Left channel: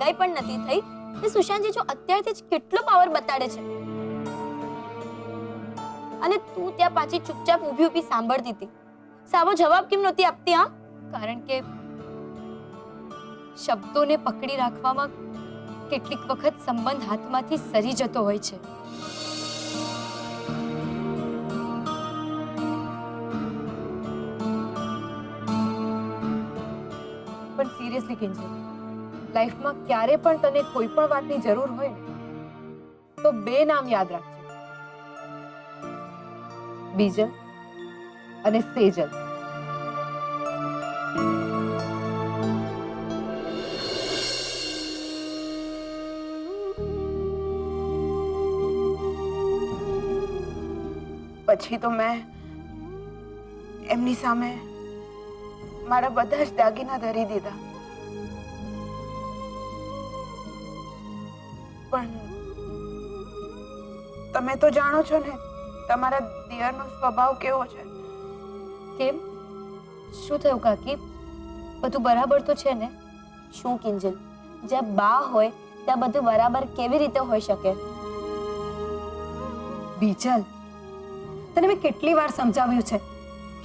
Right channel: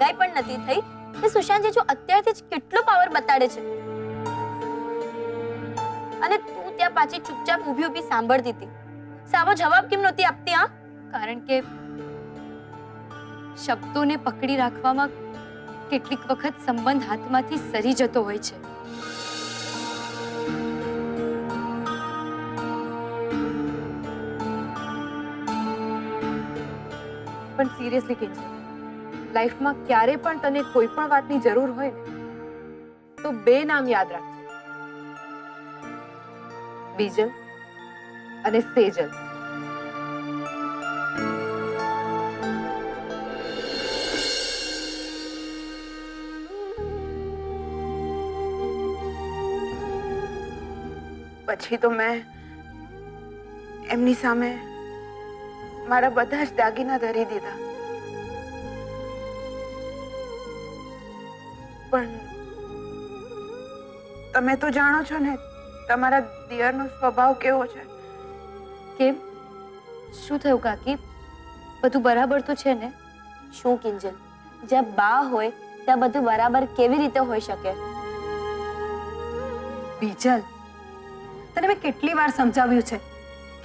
સગાઈ પણ નથી થઈ કે સુશાંત જીજુ અત્યારથી જ કેટલો પાવર બતાડે છે. અને તું ત્યાં પાછી ચૂપચાપ ઊભી ઊભી સાંભળતી હતી. સાવો જવાબ કેમ નહોતી આપતી? હા, કારણ કે શબ્દોને પકડી રાખવામાં કેટલીક વખત સંબંધ હાથમાંથી સરી જતો હોય છે. પણ સિરિયસલી કિંજલ, લાઈફમાં ક્યારે પણ તને કોઈ પણ વાતની જરૂર હોય ને તો બે નામ યાદ રાખજે, બીજલ અને સેજલ. પછી તો મેં એમની સામે મારા બધા જ દાગીના ધરી દીધા. પણ તમે તો જાણો છો ને તમારા દિયરનો સ્વભાવ કેવો છે. કેમ? શું થયું કાકી? બધું બરાબર તો છે ને? શું કિંજલ, જ્યાં બા હોય ત્યાં બધું બરાબર કેવી રીતે હોઈ શકે? બીજલ, તને મેં કેટલી વાર સમજાવ્યું છે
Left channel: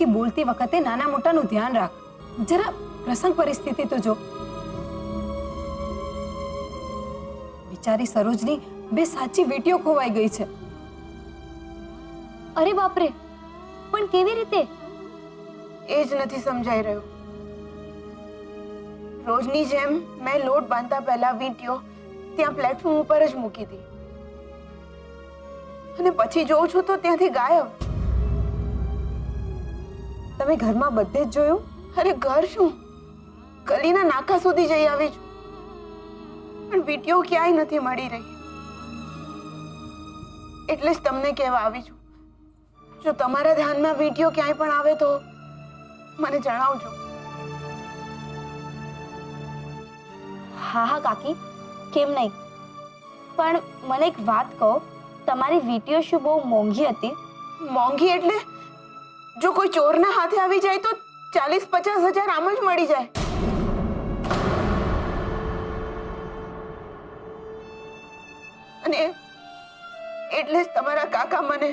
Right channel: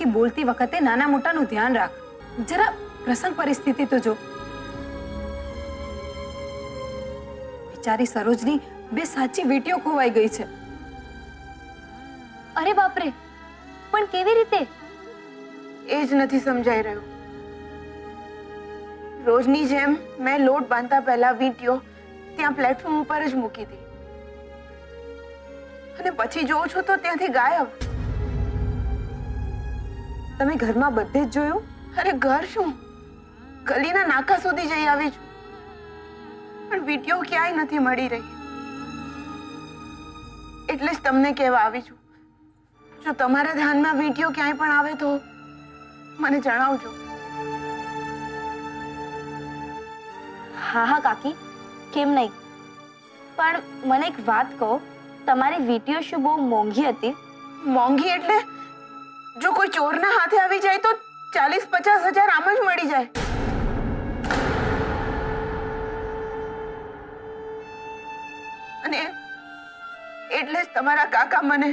કે બોલતી વખતે નાના મોટાનું ધ્યાન રાખ. જરા પ્રસંગ પરિસ્થિતિ તો જો. બિચારી સરોજની બે સાચી વીંટીઓ ખોવાઈ ગઈ છે. અરે બાપરે, પણ કેવી રીતે? એ જ નથી સમજાઈ રહ્યું. રોજની જેમ મેં લોટ બાંધતા પહેલા વીંટીઓ ત્યાં પ્લેટફોર્મ ઉપર જ મૂકી હતી અને પછી જોઉં છું તો ત્યાંથી ગાયબ. તમે ઘરમાં બધે જ જોયું? અરે ઘર શું, ગલીના નાકા સુધી જઈ આવી છું પણ વીંટીઓ ક્યાંય નથી મળી રહી. એટલે જ તમને કહેવા આવી છું, જો તમારા ધ્યાનમાં વીંટીઓ ક્યાંય પણ આવે તો મને જણાવજો. હા હા કાકી, કેમ નહીં. પણ મને એક વાત કહો, તમારી વીંટીઓ શું બહુ મોંઘી હતી? મોંઘી એટલે જો કોઈ ચોરના હાથે આવી જાય તો 40-50 હજાર આમ જ મળી જાય. અને એટલે જ તમારા કાકા મને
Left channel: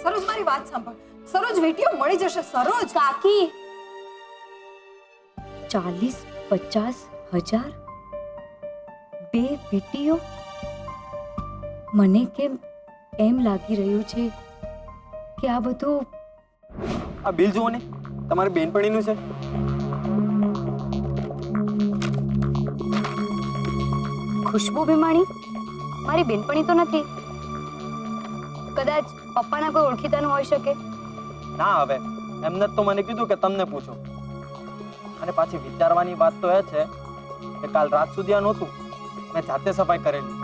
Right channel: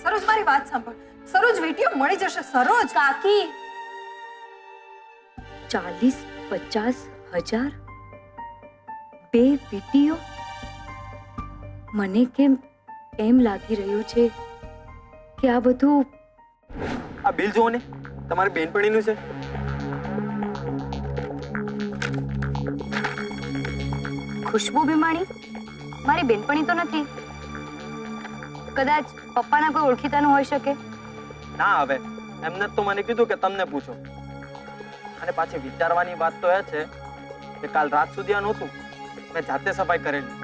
સરોજ, મારી વાત સાંભળ. સરોજ, વીંટીઓ મળી જશે. સરોજ કાકી, 40-50 હજાર? બે વીંટીઓ? મને કેમ એમ લાગી રહ્યું છે કે આ બધું... આ બિલ જુઓ ને, તમારી બેનપણીનું છે. ખુશ્બુ ભીમાણી મારી બેનપણી તો નથી. કદાચ પપ્પાના કોઈ ઓળખીતાનું હોઈ શકે. ના, હવે એમને જ તો મને કીધું કે તમને પૂછો. અને પાછી વિચારવાની વાત તો એ છે કે કાલ રાત સુધી આ નહોતું, મેં જાતે સફાઈ કરેલી.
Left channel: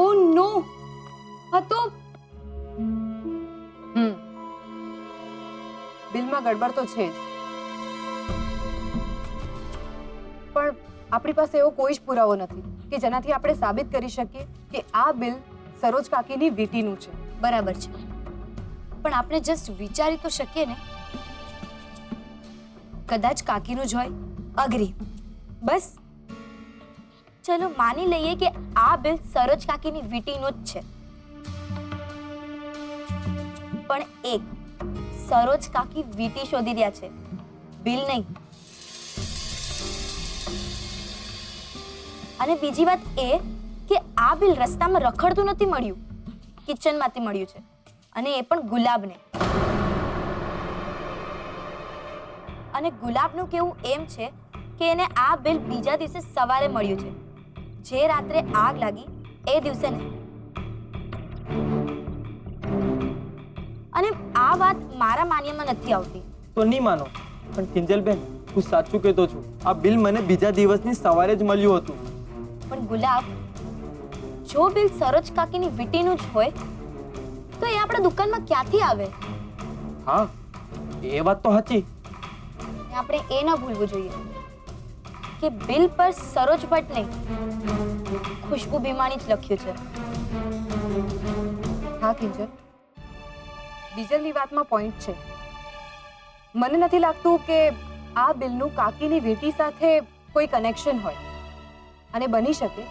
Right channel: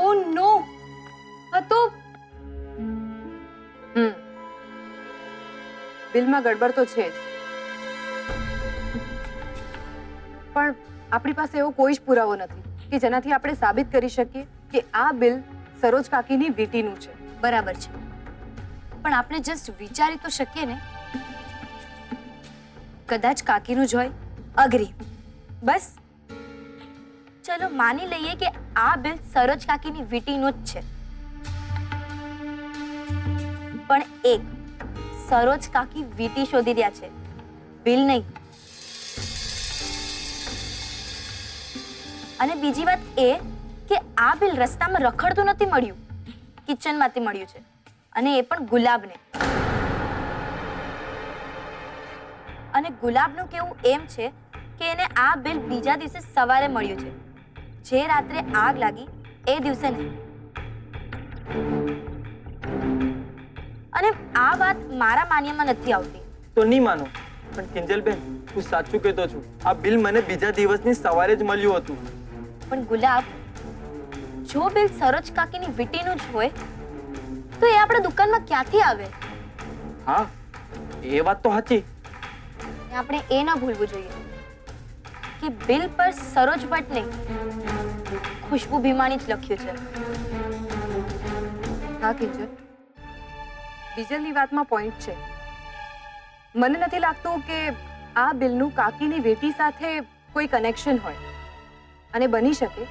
ઓ નો, આ તો બિલમાં ગડબડ તો છે જ, પણ આપણી પાસે એવો કોઈ જ પુરાવો નથી કે જેનાથી આપણે સાબિત કરી શકીએ કે આ બિલ સરોજ કાકીની વીંટીનું છે. બરાબર છે, પણ આપણે જસ્ટ વિચારી તો શકીએ ને. કદાચ કાકીનું જ હોય. અગ્રી. બસ ચલો માની લઈએ કે આ બિલ સરોજ કાકીની વીંટીનું જ છે. પણ એક, સરોજ કાકી વીંટી શોધી રહ્યા છે, બિલ નહીં. અને બીજી વાત એ કે આ બિલ રસ્તામાં રખડતું નથી મળ્યું, કિચનમાંથી મળ્યું છે, અને એ પણ ગુલાબને. અને ગુલાબનું કેવું એમ છે કે એને આ બિલ બીજા દિવસે સવારે મળ્યું છે, જે રાત્રે આગ લાગી એ દિવસે નહીં. અને આ વાત મારા માન્યમાં નથી આવતી. તો નહીં માનો, પણ કિંજલબેન, હું સાચું કહેતો છું. આ બિલ મને બીજા દિવસની સવારે જ મળ્યું હતું. પણ ગુલાબ, જો બિલ સરોજ કાકીની વીંટીનું જ હોય તો એ આપણા દુકાનમાં ક્યાંથી આવે? હા, એ વાત તો સાચી. આપણે એ ન ભૂલવું જોઈએ કે બિલ પર સરોજ ભટ્ટ નહીં, ખુશ્બુ ભીમાણી જ લખ્યું છે. હા કિંજલ, બીજલની વાતમાં પોઈન્ટ છે. મને નથી લાગતું કે આ બિલનું કાકીની વેટી સાથે કોઈ કનેક્શન હોય, અને બની શકે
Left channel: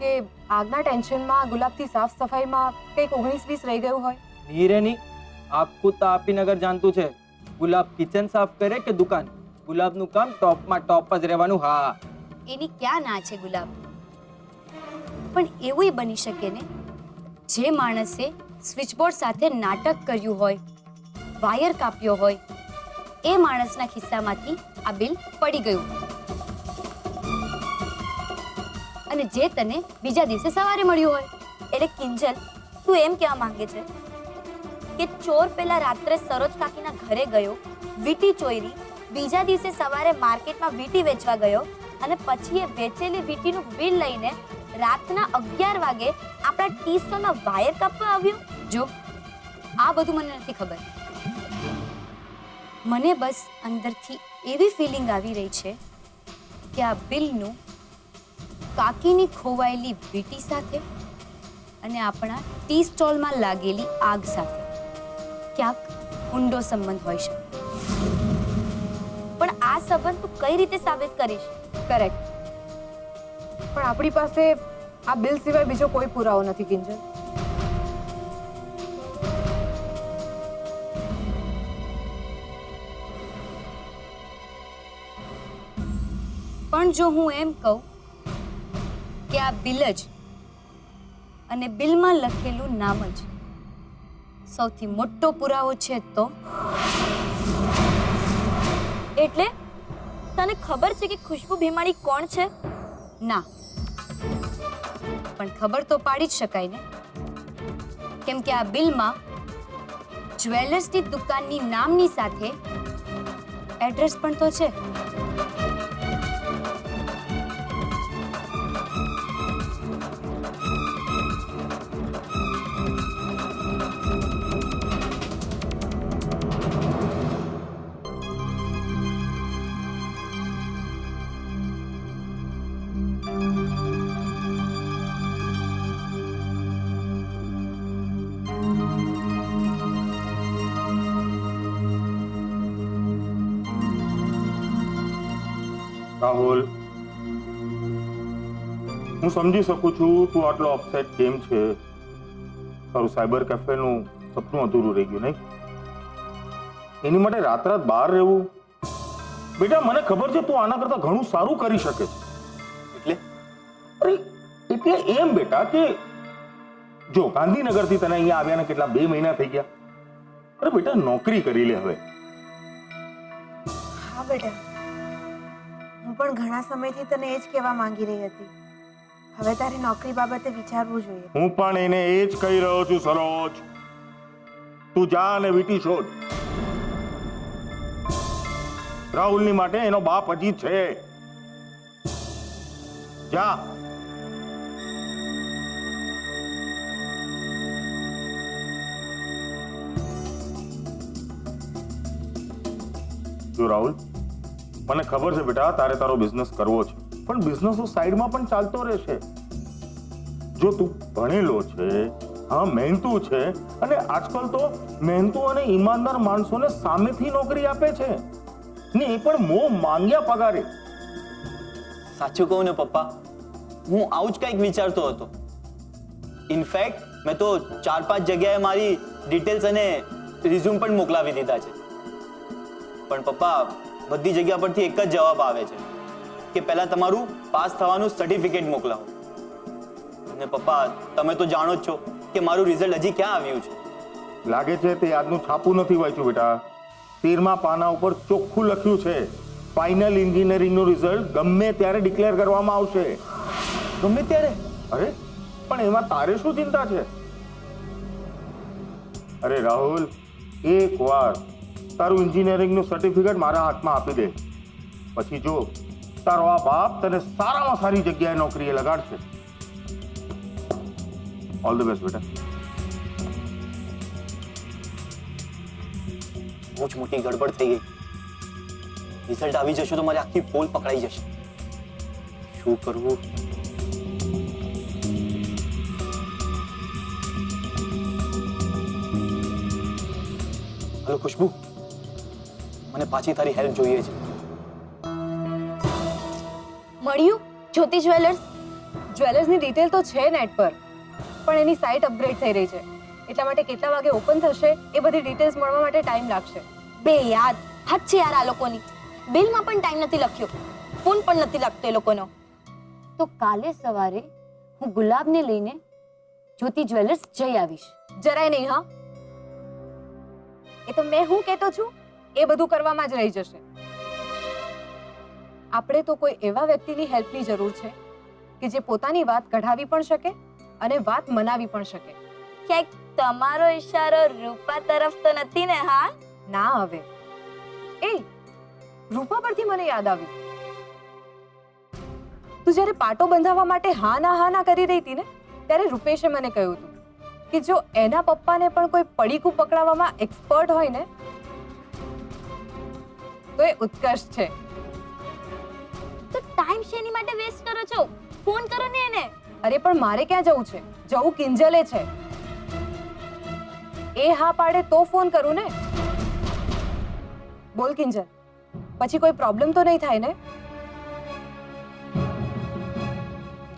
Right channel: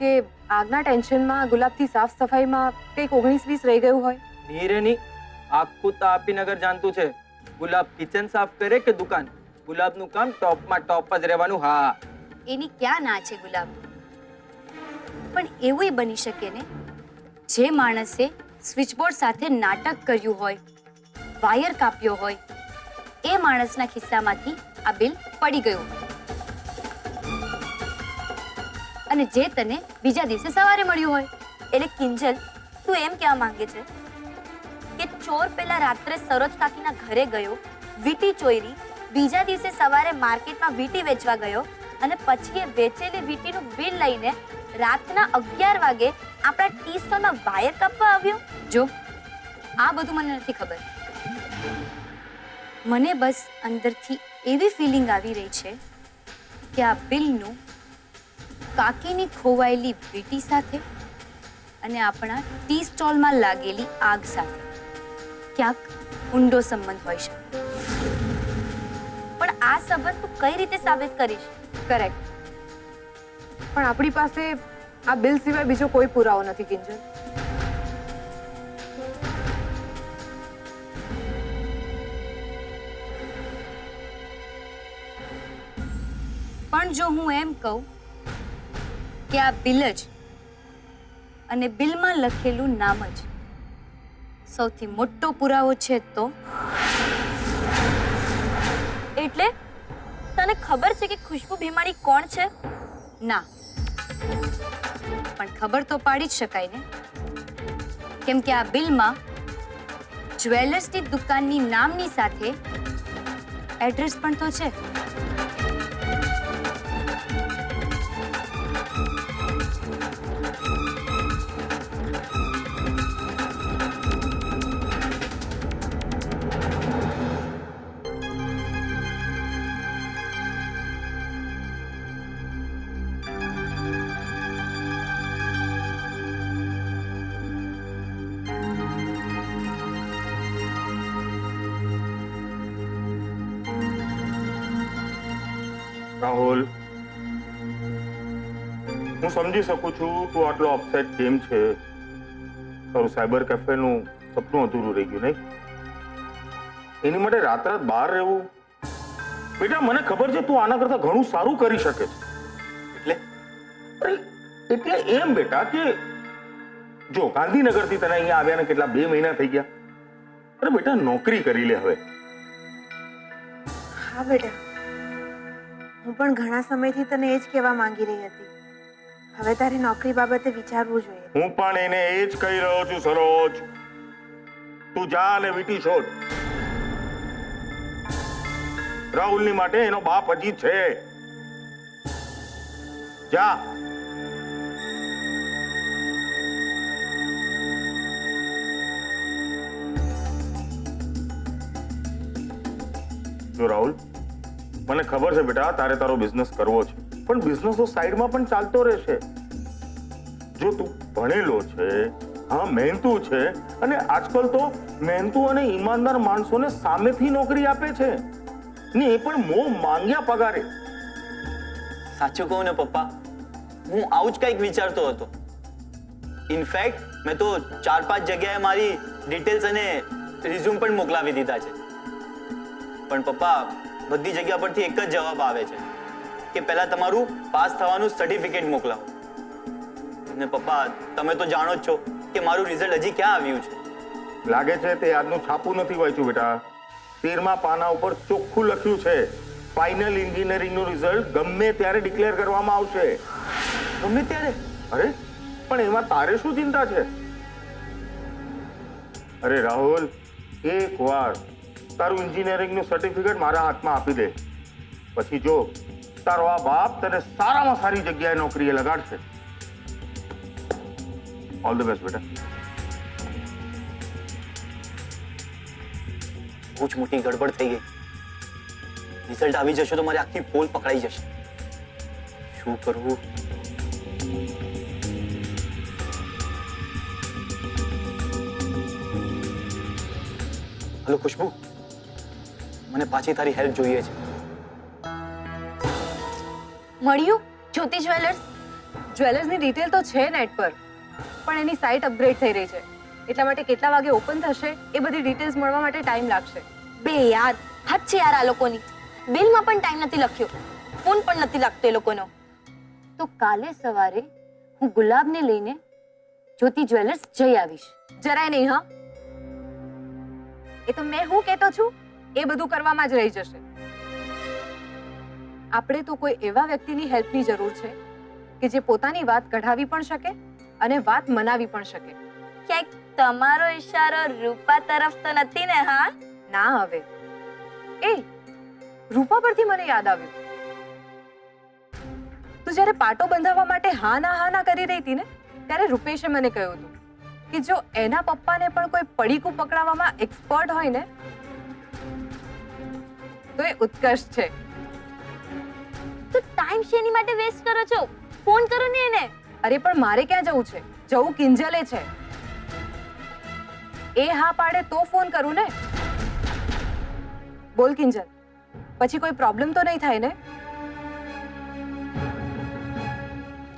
કે આગના ટેન્શનમાં ગુલાબથી સાફ સફાઈમાં કંઈક 19-20 રહી ગયું હોય. નીરેની આખું તાપીનગર જાણતું છે ગુલાબ કિચન સાફ કરે કે દુકાન, ગુલાબનું કામ ટોપમાં ટોપ જ રહેવાનું. હા, એની ક્યાં ના છે ગુલાબ, પણ એવું બની શકે ને જે માણસે સ્વિચબોર્ડ સાથે નાટક કર્યું હોય, વાયર કાપ્યો હોય, એ માણસના ખિસ્સામાંથી આ બિલ પડી ગયું અને જે તને બીજા દિવસે સવારે મળ્યું હોય. એટલે કિંજલ, તું એમ કહેવા માંગે છે કે ચોર પેલા રાત્રે સરોજ કાકીના ઘરે ગયો, વીટી ચોરી, બીજા દિવસે સવારે માર્કેટમાં વીટી વેચવા ગયો અને પછી એ વેચેલી વીટીનું બિલ લઈને રાતના 11 વાગે આપણા ટી સ્ટોરમાં વાયર કાપવા આવ્યો. જો આ બધું મને નથી ખબર, મને બસ અંદરથી એવી ફિલિંગ આવી રહી છે કે આ બિલનું કાકીની ખોવાયેલી વીટી સાથે અને આપણા ટી સ્ટોલમાં લાગેલી આગ સાથે ક્યાંક ઊંડો સંબંધ હોઈ શકે. પણ આ સંબંધ તું કઈ રીતે સાબિત કરીશ? કરેક્ટ, પણ આપણી પાસે આ બિલ સિવાય બીજો કોઈ પુરાવો નથી કિંજલ. પણ જો હું એમ કહું કે આ બિલ જ અને બિલમાં લખેલું નામ જ સૌથી મોટો પુરાવો છે તો એટલે તને ખબર છે કે ખુશ્બુ ભીમાણી કોણ છે? ના, પણ ખબર તો પાડી જ શકાય ને, કેમ કે આ બિલમાં જ્વેલર્સની દુકાનની નામની સાથે એડ્રેસ પણ તો છે. રાહુલ, હું સમજી શકું છું તું આટલો અપસેટ કેમ છે. તારું સાયબર કેફેનું સપનું અધૂરું રહી ગયું નહીં? એની માટે રાત બહાર રહેવું? બેટા, મને ખબર છે તું આના કરતા ઘણું સારું કરી શકે છે. એટલે અરે એટલે એમ બેટા કે જો ગાંધીનગરથી તને અહીંયા આવ્યાને કેટલા 2 મહિના થઈ ગયા. અરે બેટા, નોકરી કરી લે હવે. હા બેટા, હું પણ ઘણા સમયથી તને એ જ કહેવા માંગી રહી હતી. હવે તારે નોકરી બાબતે વિચારવું જોઈએ. હું પણ એને એ જ કહી રહ્યો છું સરોજ. તું જા અને વીટી શોધ. રાહુલની માટે એનો બાપ હજી છે. જા. જો રાહુલ, મને ખબર છે બેટા તારે તારો બિઝનેસ કરવો છે, પણ બિઝનેસ તો સાઈડમાં પણ ચાલતો રહેશે. જો તું ભણેલો છે, હા મહેનતુ છે, અને આજકાલ તો મહેનતુ અને ઈમાનદાર માણસોને સામેથી નોકરી આપે છે ને એ પણ માંગ્યા પગારે. સાચું કહું ને પપ્પા, હું આવું જ કંઈક વિચારતો હતો. ઇનફેક્ટ મેં તો 4-5 જગ્યાએ મારી ડિટેલ્સ અને રિઝ્યુમ પણ મોકલાવી દીધા છે. પણ પપ્પા, બધી જગ્યા પરથી એક જ જવાબ આવે છે કે પહેલા તમારું પાસ થવાનું સર્ટિફિકેટ મોકલાવો. અને પપ્પા, તમે તો જાણો જ છો કે મારું રિઝલ્ટ હજી ક્યાં આવ્યું છે. લાગે છે તે આજનું છાપું નથી વાંચ્યું બેટા. 13મા પાના ઉપર ચોખ્ખું લખ્યું છે ફાઇનલ એન્જિનિયરિંગનું રિઝલ્ટ ગમે ત્યારે ડિક્લેર કરવામાં આવશે. ગમે ત્યારે? અરે પણ એમાં તારે શું ચિંતા છે? અરે રાહુલ, એકવાર તારું એન્જિનિયરિંગનું સર્ટિફિકેટ મારા હાથમાં આપી દે, પછી જો તારો આ બાપ તને સારામાં સારી જગ્યાએ નોકરીએ લગાડશે. ઓલ ધ બેસ્ટ બેટા. બહુ જ મોટી ગડબડ થઈ ગઈ. રિઝલ્ટ આવી જશે તો મારી આખી પોલ પકડાઈ જશે. શું કરવું? હલો ખુશ્બુ, મને પાછી તારી હેલ્પ જોઈએ છે. મળ્યું જ્યોતિ જ્વેલર્સ? જ્વેલર્સની ડિટેલ તો છે નેટ પર, પણ એની સાઇટ અપગ્રેડ થઈ રહી છે, એટલા માટે કેટલા વાગે ઓપન થશે એ બધી ડિટેલ્સ મળવા માટે ટાઈમ લાગશે. બે યાર, હદ છે યાર આ લોકોની. બિલમાં પણ ટાઈમ નથી લખ્યો, ફોન પણ નથી લાગતો એ લોકોનો. તો કાલે સવારે હું ગુલાબને લઈને જ્યોતિ જ્વેલર્સ જઈ આવીશ. જરાય નહીં. હા, એ તો મેં હું કહેતો છું એ બધું કરવામાં જ રહી જશે. આપણે તો કોઈ એવા વ્યક્તિની હેલ્પની જરૂર છે કે જે પોતાની વાત કઢાવી પણ શકે અને વાત મનાવી પણ શકે. ક્યાંક તમારો ઈશારો રૂપા તરફ તો નથી ને? હા ના, હવે એ રૂપા પરથી મને યાદ આવ્યું, તું જ્યારે પાટો બંધાવવા માટે હા ના કરી રહી હતી ને, ત્યારે રૂપેશે મને કહ્યું હતું કે જો એના પપ્પાને પણ કોઈ પડીકું પકડાવવામાં એક્સપર્ટ હોય ને તો એ ઉત્કર્ષ છે. તો ટાઈમ શેની માટે વેસ્ટ કરો છો? ફોન કરો ને એને. અરે પણ મારે ક્યાં જવું છે? જવું કિંજલે છે. એ હા પાડે તો ફોન કરું ને. બોલ કિંજલ, પછી કોઈ પ્રોબ્લેમ તો નહીં થાય ને?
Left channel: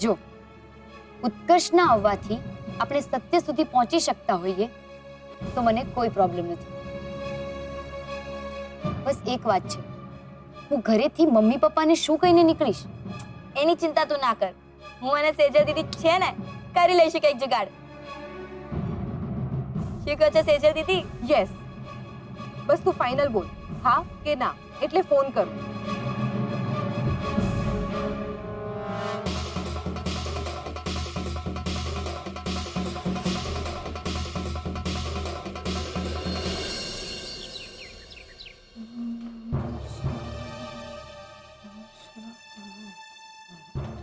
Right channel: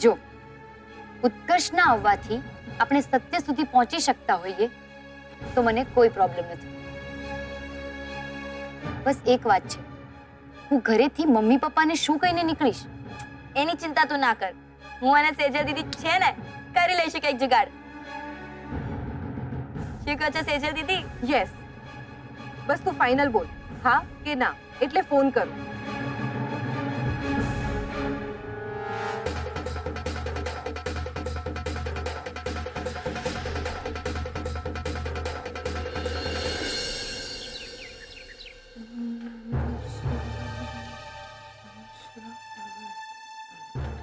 જો ઉત્કર્ષ ના આવવાથી આપણે સત્ય સુધી પહોંચી શકતા હોઈએ તો મને કોઈ પ્રોબ્લેમ નથી. બસ એક વાત છે, હું ઘરેથી મમ્મી પપ્પાને શું કહીને નીકળીશ? એની ચિંતા તું ના કર. હું અને સેજલ દીદી છે ને, કરી લઈશું કઈક જુગાડ. શું કહો છો સેજલ દીદી? યસ, બસ તું ફાઇનલ બોલ, હા કે ના, એટલે ફોન કરું.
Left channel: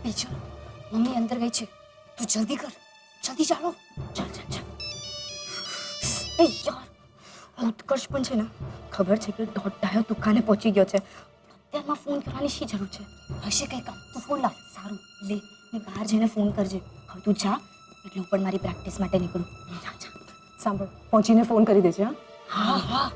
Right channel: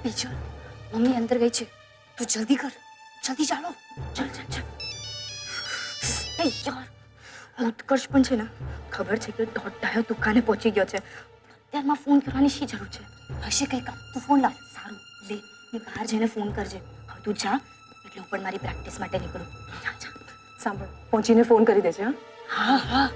બીજો મમ્મી અંદર ગઈ છે, તું જલ્દી કર, જલ્દી ચાલો. ચાલ ચાલ ચાલ. એ યાર, ઉત્કર્ષ પણ છે ને, ખબર છે કે દોઢ દુકાને પહોંચી ગયો છે. અત્યારમાં ફોન કરવાની શી જરૂર છે? હશે કઈ કામ, તું ફોન લાવ. સારું લે, ને બહાર જઈને ફોન કરજે. હવે તું જા, એટલે હું પણ મારી પ્રેક્ટિસ માટે નીકળું. જા જા. સાંભળ, પહોંચીને ફોન કરી દેજે. હા, હા હા.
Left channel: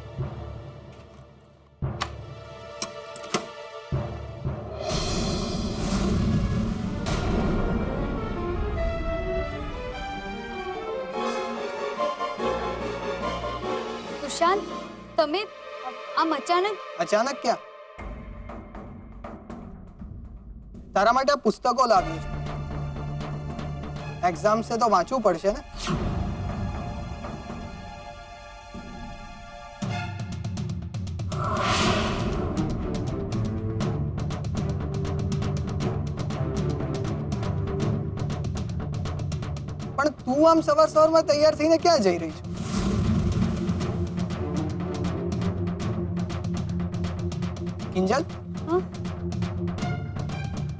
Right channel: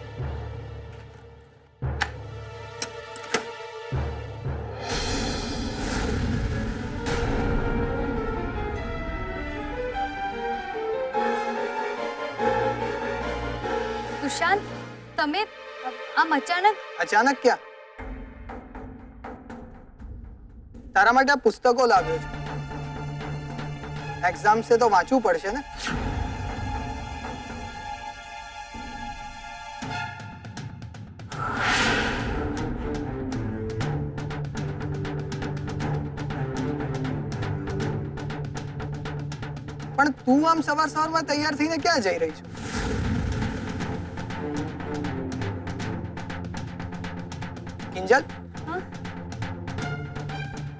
સુશાંત, તમે આમ અચાનક? અચાનક ક્યાં? તારા માટે આ પુસ્તકો લાવ્યો છું. એક્ઝામ છે તો વાંચવું પડશે ને. પણ તું આમ સવારમાં તૈયાર થઈને ક્યાં જઈ રહી છું? કિંજલ,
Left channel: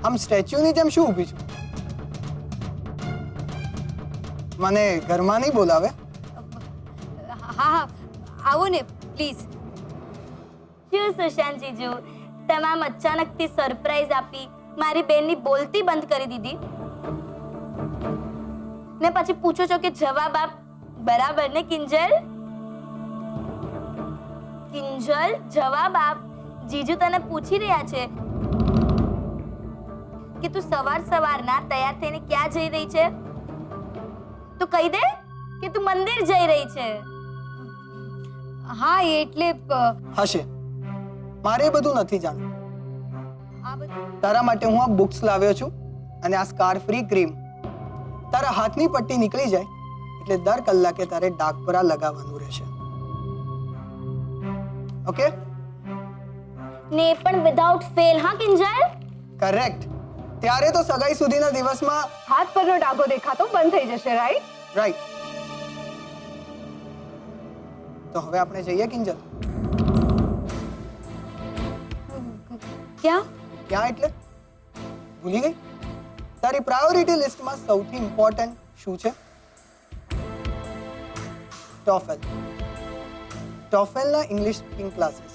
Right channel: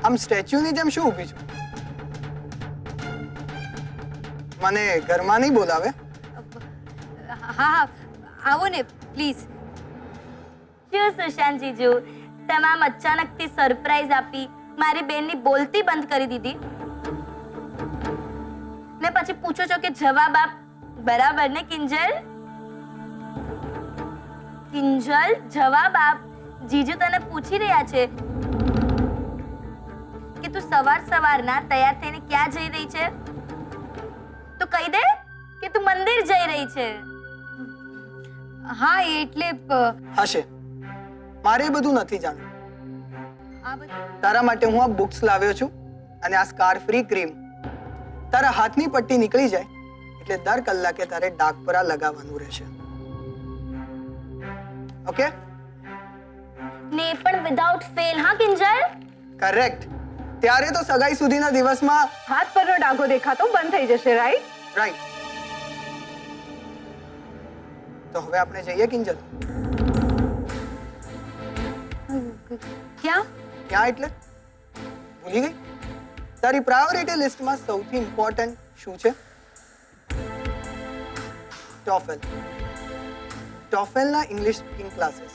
આમ સ્ટેચ્યુની જેમ શું ઊભી છું? મને ઘરમાં નહીં બોલાવે? હા હા, આવો ને પ્લીઝ. શું સુશાંત જીજુ, તમે આમ અચાનકથી સરપ્રાઈઝ આપી, મારી બેનની બોલતી બંધ કરી દીધી ને પછી પૂછો છો કે જવાબ આપ. બરાબર ને કિંજલ? કિંજલ, જવાબ આપ. જીજુ તને પૂછી રહ્યા છે કે તું સવારના તૈયાર થઈને ક્યાં જઈ રહી છે? તો કહી દે કે તું મંદિર જઈ રહી છે. હા એટલે હશે, મારે એ બધું નથી જાણવું. આ બધું તારા માટે હું આ બુક્સ લાવ્યો છું, અને આ સ્કાર ફ્રી ક્રીમ. તારા હાથની પટ્ટી નીકળી જાય એટલે દર કલાકે તારે ડાઘપરા લગાવવાનું રહેશે. ઓકે? ને પણ વિધાઉટ ફેલ, હા કિંજલ? કરેક્ટ. ત્યારે તો સગાઈ સુધીના દિવસમાં હાથ પરનો ડાઘો દેખાતો બંધ થઈ જશે, રાઈટ? રાઈટ. તો હવે આપણે જઈએ કિંજલ. ક્યાં? ક્યાં એટલે? ભૂલી ગઈ? તારી પ્રાયોરિટી લિસ્ટમાં સૌથી ઇમ્પોર્ટન્ટ શું છે? ટોફેલ. ટોફેલના ઇંગ્લિશ સ્પીકિંગ ક્લાસીસ.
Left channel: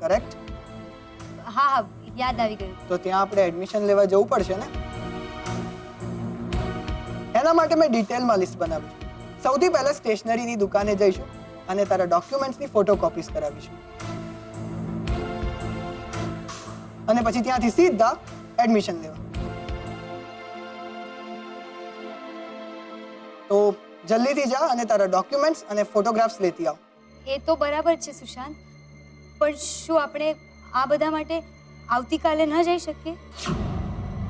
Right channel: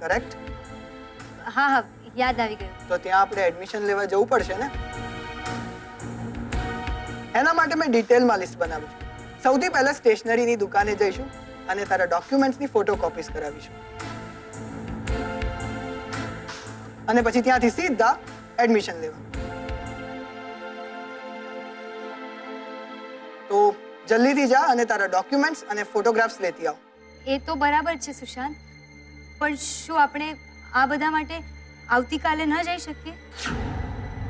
કરેક્ટ? હા હા યાદ આવી ગયું. તો ત્યાં આપણે એડમિશન લેવા જવું પડશે ને. એના માટે મેં ડિટેલમાં લિસ્ટ બનાવી છે. સૌથી પહેલા સ્ટેશનરીની દુકાને જઈશું અને તારા ડોક્યુમેન્ટ્સની ફોટોકોપીઝ કરાવીશું અને પછી ત્યાંથી સીધા એડમિશન લેવા. તો જલ્દીથી જા અને તારા ડોક્યુમેન્ટ્સ અને ફોટોગ્રાફ્સ લેતી આવ. એ તો બરાબર છે સુશાંત, પણ શું આપણે આ બધા માટે આવતીકાલે ન જઈ શકીએ?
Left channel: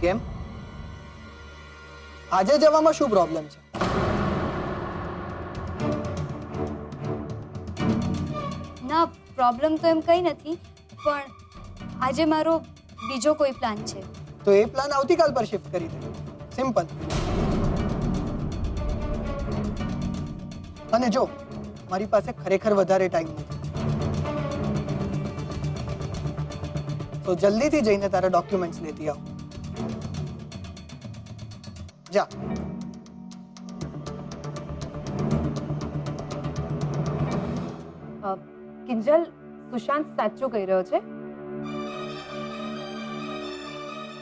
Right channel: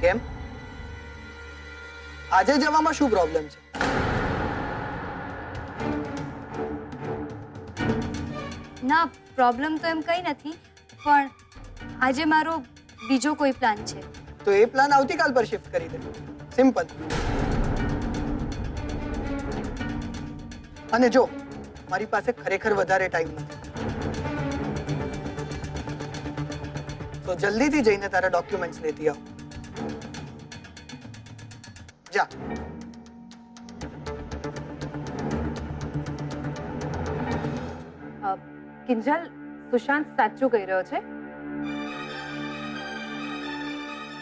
કેમ? આજે જવામાં શું પ્રોબ્લેમ છે? ના, પ્રોબ્લેમ તો એમ કંઈ નથી, પણ આજે મારો બીજો કોઈ પ્લાન છે. તો એ પ્લાન આવતીકાલ પર શિફ્ટ કરી દે. સિમ્પલ. અને જો મારી પાસે ખરેખર વધારે ટાઈમ નથી, તો જલ્દીથી જઈને તારા ડોક્યુમેન્ટ્સ લેતી આવ. જા. કિંજલ, સુશાંત સાચું કહી રહ્યો છે.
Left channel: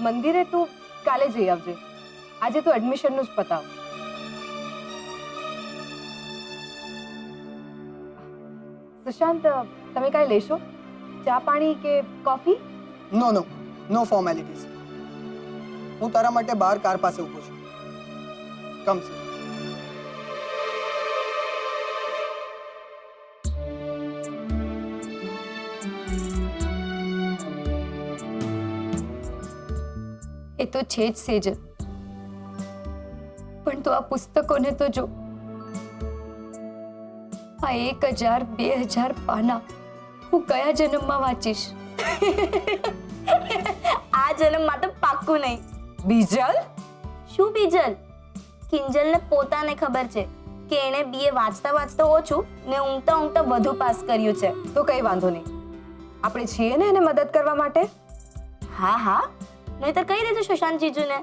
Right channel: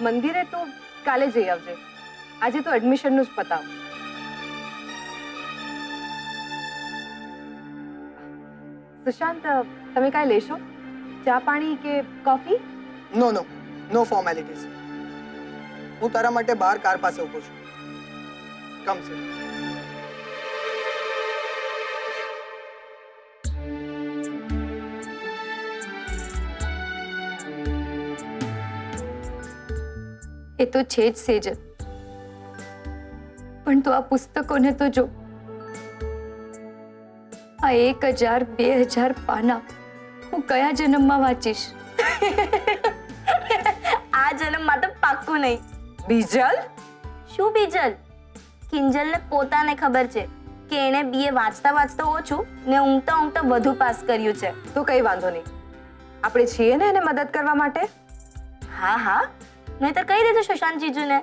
મંદિરે તું કાલે જઈ આવજે. આજે તું એડમિશનનું જ પતાવ. સુશાંત, તમે કાંઈ લેશો? ચા પાણી કે કોફી? નો નો નો ફોર્મેલિટીઝ. હું તારા માટે બહાર કાર પાસે ઊભો છું. કમ સે. એ તો છે જ સેજલ, પણ તું આ પુસ્તકોને તો જો. આ 1000 2000 પાના હું કયા જન્મમાં વાંચીશ? આ જન્મમાં તો પાક્કું નહીં. બીજલ, શું બીજલ? કિંજલને પોતાને ખબર છે કે એણે બીએ વાંચતા વાંચતા ઓછું ને ઊંઘતા ઊંઘતા વધુ પાસ કર્યું છે. તો કઈ વાંધો નહીં, આપણે છીએ ને એને મદદ કરવા માટે. હા હા, નહીંતર કહી દેજો સુશાંત જીજુને,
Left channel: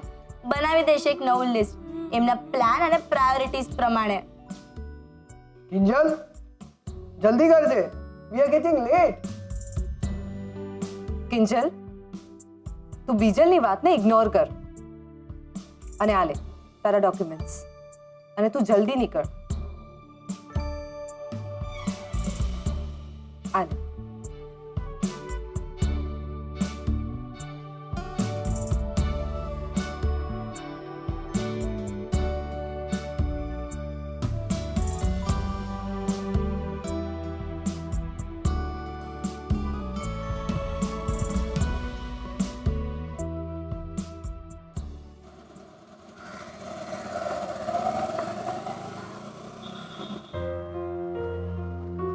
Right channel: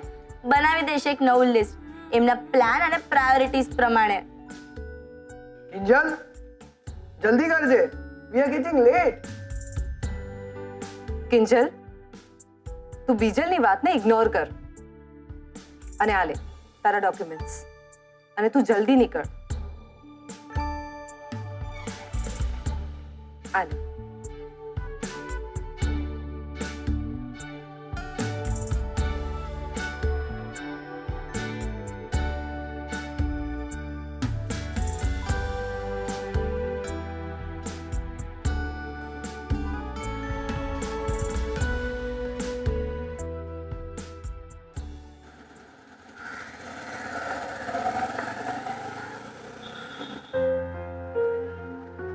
બનાવી દેશે એક નવું લિસ્ટ એમના પ્લાન અને પ્રાયોરિટીઝ પ્રમાણે. કિંજલ, જલ્દી કરજે. We are getting late. Kinjal, તું બીજલની વાતને ઇગ્નોર કર અને આ લે તારા ડોક્યુમેન્ટ્સ અને તું જલ્દી નીકળ. આ લે.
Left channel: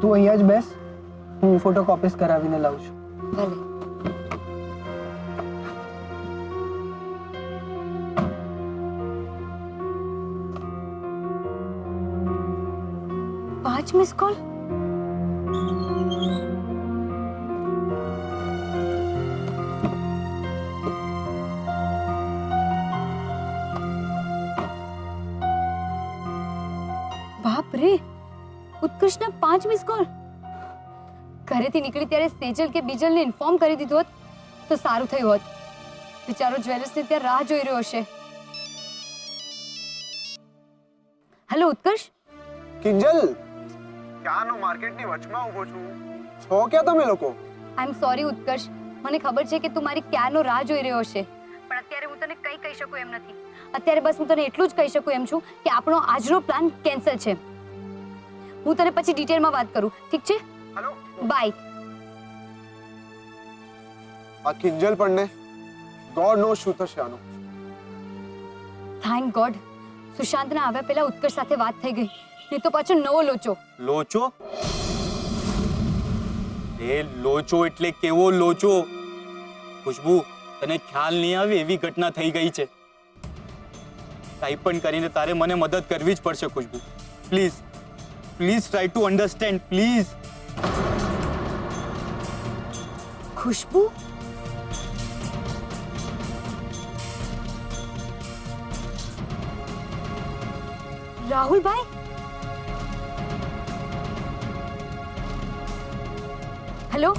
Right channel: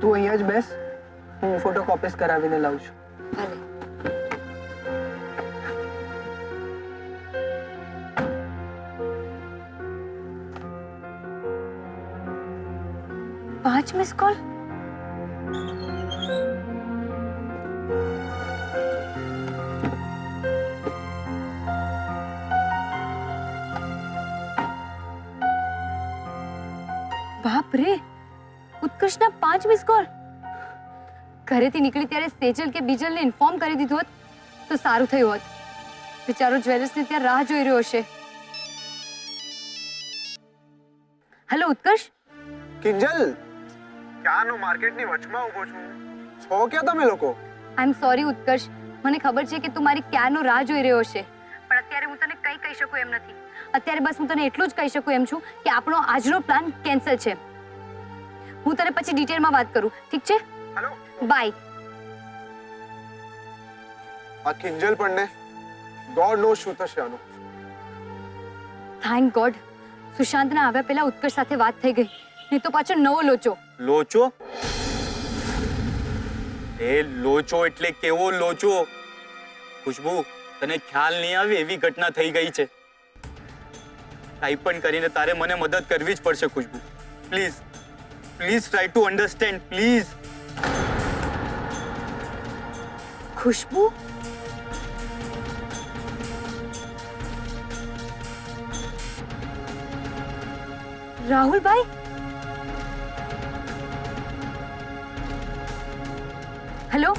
તું અહીંયા જ બેસ, હું ફોટોકોપીઝ કરાવીને લાવું છું. ભલે. પાંચ મિસ કોલ? બાપ રે, ઉત્કર્ષના 5 મિસ કોલ. ઘરેથી નીકળી ત્યારે સેજલ કે બીજલને ઇન્ફોર્મ કરી દીધું હોત તો સારું થયું હોત. બિચારો જ્વેલર્સને ત્યાં રાહ જોઈ રહ્યો હશે. હેલો ઉત્કર્ષ. કિંજલ, ક્યાંનો માર્કેટની વચમાં ઊભો છું. છો ક્યાં તમે લોકો? આઈ એમ સોરી ઉત્કર્ષ, મને ખબર છે કે તું મારી ક્યારનો રાહ જોઈ રહ્યો હશે, પણ અત્યારે હું તને કંઈ કહી શકું એમ નથી. અત્યારે બસ હું તને એટલું જ કહી શકું એમ છું કે આપણો આજનો પ્લાન કેન્સલ છે. હું તને પછી ડિટેલમાં વાત કરું, ઠીક છે? Hello, bye. આ કિંજલ પણ ને ગોડ નો શું થશે આનું. થેન્ક ગોડ સુશાંતના આવ્યા પહેલા ઉત્કર્ષ સાથે વાત થઈ ગઈ, નહીં તો પાછો નવો લોચો. લોચો? એ લોચો એટલે કેવો લોચો? ખુશ્બુ, તને ખ્યાલ નહીં આવે એવી ઘટના થઈ ગઈ છે. કાંઈ પણ કરીને તારે મને મદદ કરવી જ પડશે Khushbu. Please please try to understand, please. Khushbu? રાહુલભાઈ? હેલો,